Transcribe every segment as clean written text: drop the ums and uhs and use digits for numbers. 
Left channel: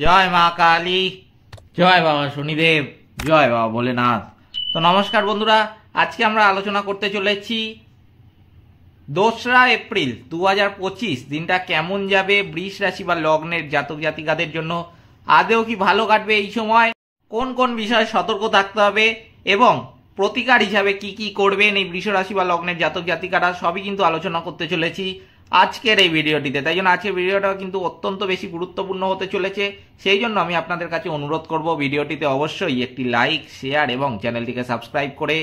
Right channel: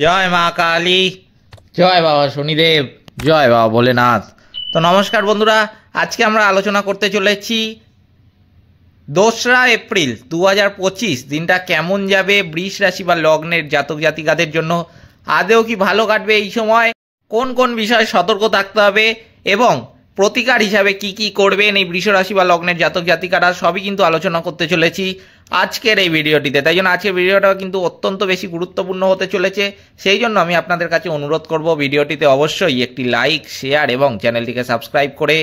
জয় মা কালী, জয় বাবা শনিদেব, জয় বাবা ভোলেনাথ। তো নমস্কার বন্ধুরা, আজকে আমরা আলোচনা করতে চলেছি 2রা এপ্রিল 2025 দিনটা কেমন যাবে বৃষ রাশি বা লগ্নের জাতক জাতিকাদের জন্য। আদেও কি ভালো কাটবে এই সময়, কোন কোন বিষয়ে সতর্ক থাকতে হবে এবং প্রতিকার হিসাবে কি কি করবেন এই বৃষ রাশি বা লগ্নের জাতক জাতিকারা, সবই কিন্তু আলোচনা করতে চলেছি আজকের এই ভিডিওটিতে। তাই জন্য আজকের ভিডিওটা কিন্তু অত্যন্ত বেশি গুরুত্বপূর্ণ হতে চলেছে। সেই জন্য আমি আপনাদের কাছে অনুরোধ করব, ভিডিওটিতে অবশ্যই একটি লাইক, শেয়ার এবং চ্যানেলটিকে সাবস্ক্রাইব করে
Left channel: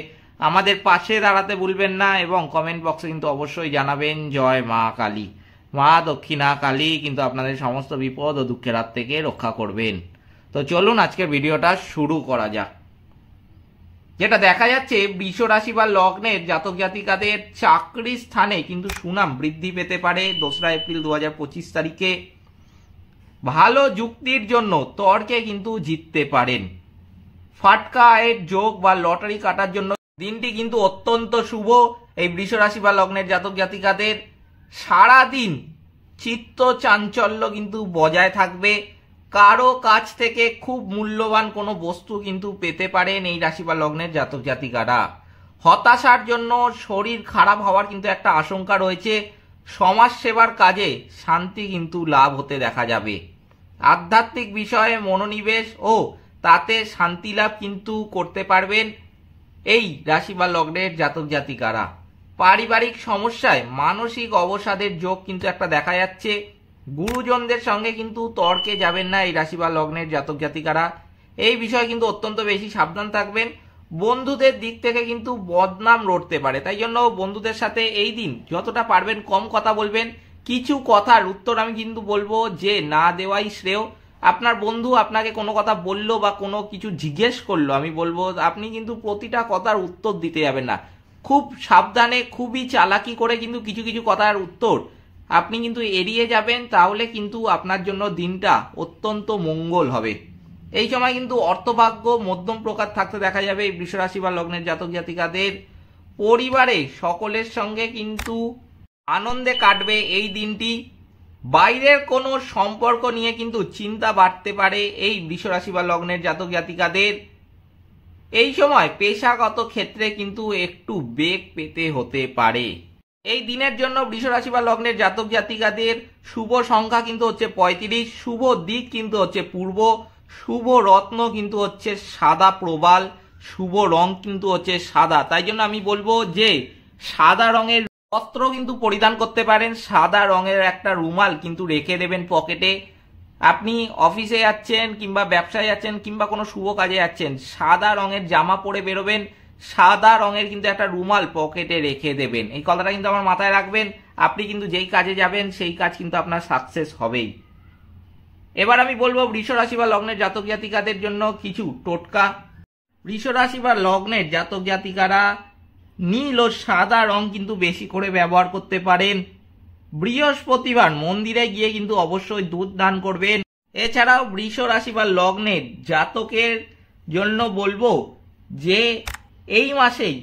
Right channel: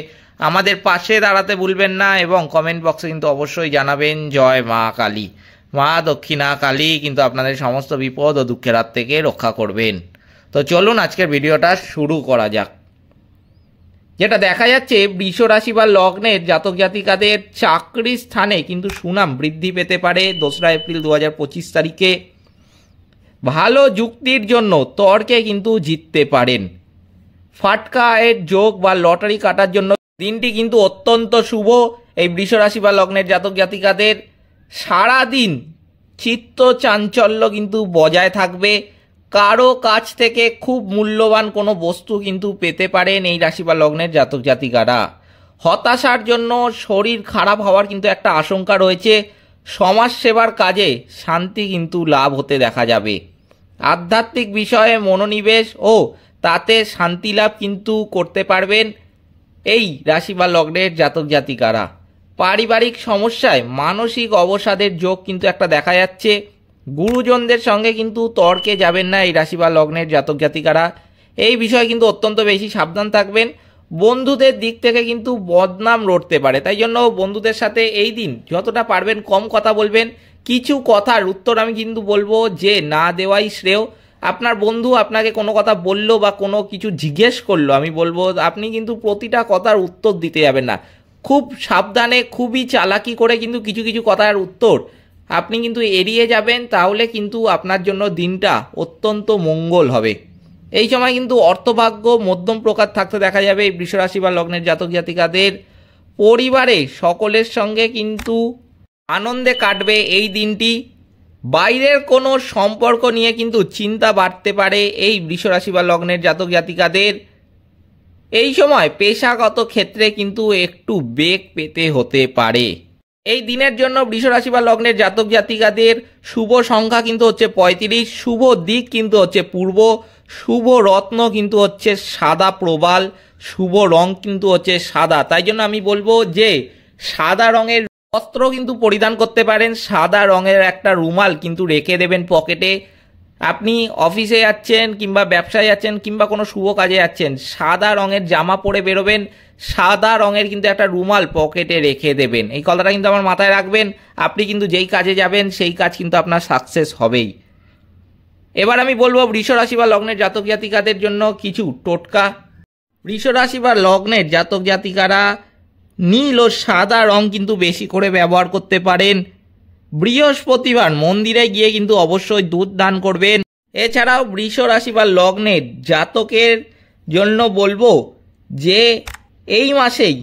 আমাদের পাশে দাঁড়াতে ভুলবেন না এবং কমেন্ট বক্সে কিন্তু অবশ্যই জানাবেন জয় মা কালী। মা দক্ষিণা কালী কিন্তু আপনাদের সমস্ত বিপদ ও দুঃখের হাত থেকে রক্ষা করবেন। তো চলুন আজকের ভিডিওটা শুরু করা যাক। যেটা দেখা যাচ্ছে, বৃষ রাশি বা লগ্নের জাতক জাতিকাদের চাকরির স্থানে কিন্তু সুনাম বৃদ্ধি পেতে পারে 2রা এপ্রিল 2025 তারিখে। ভালো যুক্তির জন্য তর্কে কিন্তু জিততে পারেন। ফাটকা আয়ের যোগ বা লটারি কাটার জন্য দিনটি কিন্তু অত্যন্ত শুভ। এই বৃষ রাশি বা লগ্নের জাতক জাতিকাদের সারাদিন চিত্ত চাঞ্চল্য কিন্তু বজায় থাকবে। কারো কাছ থেকে খুব মূল্যবান কোনো বস্তু কিন্তু পেতে পারেন এই রাশি বা লগ্নের জাতক জাতিকারা। হতাশার জন্য শরীর খারাপ হওয়ার কিন্তু একটা আশঙ্কা রয়েছে। সমাজ সেবার কাজে শান্তি কিন্তু লাভ হতে দেখা যাবে। আধ্যাত্মিক বিষয়ে মনোনিবেশ ও তাতে শান্তি লাভ কিন্তু করতে পারবেন এই রাশি বা লগ্নের জাতক জাতিকারা। পারিবারিক সমস্যায় মানসিক অবসাদের যোগ কিন্তু একটা দেখা যাচ্ছে। গুরুজনদের সঙ্গে কিন্তু তর্কে যাবেন না এই রাশি বা লগ্নের জাতক জাতিকারা। এই বিষয়ে কিন্তু অত্যন্ত বেশি সাবধান থাকবেন। বন্ধুদের দিক থেকে কিন্তু বদনাম রটতে পারে, তাই জন্য বন্ধুদের সাথে এই দিন যতটা পারবেন কম কথা বলবেন। কিছু কথার উত্তর আমি কিন্তু বলবো যে না দেওয়াই শ্রেয়। আপনার বন্ধু আপনাকে কোনো কথা বললো বা কোনো কিছু জিজ্ঞেস করলো, আমি বলবো আপনি কিন্তু প্রতিটা কথার উত্তর দিতে যাবেন না। খুব সাবধানে, খুবই চালাকি করে কিন্তু কিছু কিছু কথার উত্তর আপনি কিন্তু এড়িয়ে যাবেন, তাহলে কিন্তু আপনার জন্য দিনটা অত্যন্ত মঙ্গল হবে। এই সময় কিন্তু অর্থভাগ্য মধ্যম প্রকার থাকতে দেখা যাবে এই বৃষ রাশি বা লগ্নের জাতক জাতিকাদের। পরিবারে সকলের সঙ্গে কিন্তু আনন্দে কাটবে এই দিনটি। বাইরের কোনো সম্পর্ক নিয়ে কিন্তু চিন্তা বাড়তে পারে এই বৃষ রাশি বা লগ্নের জাতক জাতিকাদের। এই সময় পেশাগত ক্ষেত্রে কিন্তু একটু বেগ পেতে হতে পারে। এই দিনের জন্য বৃষ রাশি বা লগ্নের জাতক জাতিকাদের শুভ সংখ্যা কিন্তু হচ্ছে 35, শুভ দিক কিন্তু হচ্ছে পূর্ব, শুভ রত্ন কিন্তু হচ্ছে সাদা প্রবাল, শুভ রং কিন্তু হচ্ছে সাদা। তাই জন্য আমি বলবো যে সাদা রঙের বস্ত্র কিন্তু পরিধান করতে পারেন। সাদা রঙের একটা রুমাল কিন্তু রেখে দেবেন পকেটে। আপনি অফিসে যাচ্ছেন কিংবা ব্যবসায় যাচ্ছেন কিংবা কোনো শুভ কাজে যাচ্ছেন, সাদা রঙের জামা পরে বেরোবেন, সাদা রঙের কিন্তু একটা রুমাল পকেটে রেখে দেবেন। এই কথাটা কিন্তু আমার মাথায় রাখবেন। আপনি কিন্তু যেই কাজে যাবেন সেই কাজ কিন্তু আপনার সাকসেস হবেই। এবার আমি বলবো বৃষ রাশি বা লগ্নের জাতক জাতিকাদের জন্য কিছু টোটকা। বৃষ রাশি বা লগ্নের জাতক জাতিকারা নীল ও সাদা রং কিন্তু বেশি করে ব্যবহার করতে পারেন। বৃহস্পতিবার মন্দিরে গিয়ে কিন্তু অবশ্যই দুধ দান করবেন। এছাড়াও বৃষ রাশি বা লগ্নের জাতকের জন্য বলবো যে এই মাসেই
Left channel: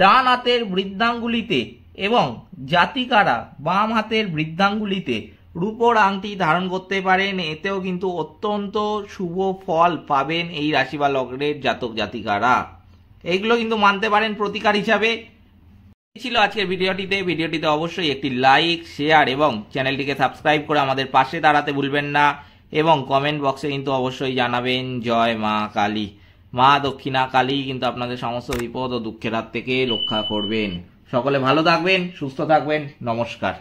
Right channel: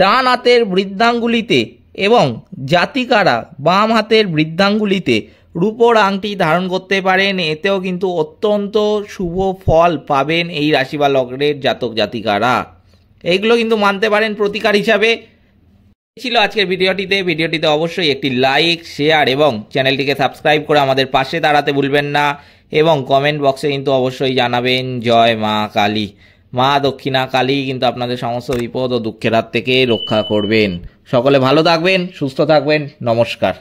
ডান হাতের বৃদ্ধাঙ্গুলিতে এবং জাতিকারা বাম হাতের বৃদ্ধাঙ্গুলিতে রূপোর আংটি ধারণ করতে পারেন। এতেও কিন্তু অত্যন্ত শুভ ফল পাবেন এই রাশি বা লগ্নের জাতক জাতিকারা। এইগুলো কিন্তু মানতে পারেন প্রতিকার হিসাবে। ছিল আজকের ভিডিওটিতে অবশ্যই একটি লাইক, শেয়ার এবং চ্যানেলটিকে সাবস্ক্রাইব করে আমাদের পাশে দাঁড়াতে ভুলবেন না এবং কমেন্ট বক্সে কিন্তু অবশ্যই জানাবেন জয় মা কালী। মা দক্ষিণা কালী কিন্তু আপনাদের সমস্ত বিপদ ও দুঃখের হাত থেকে রক্ষা করবেন। সকলে ভালো থাকবেন, সুস্থ থাকবেন। নমস্কার।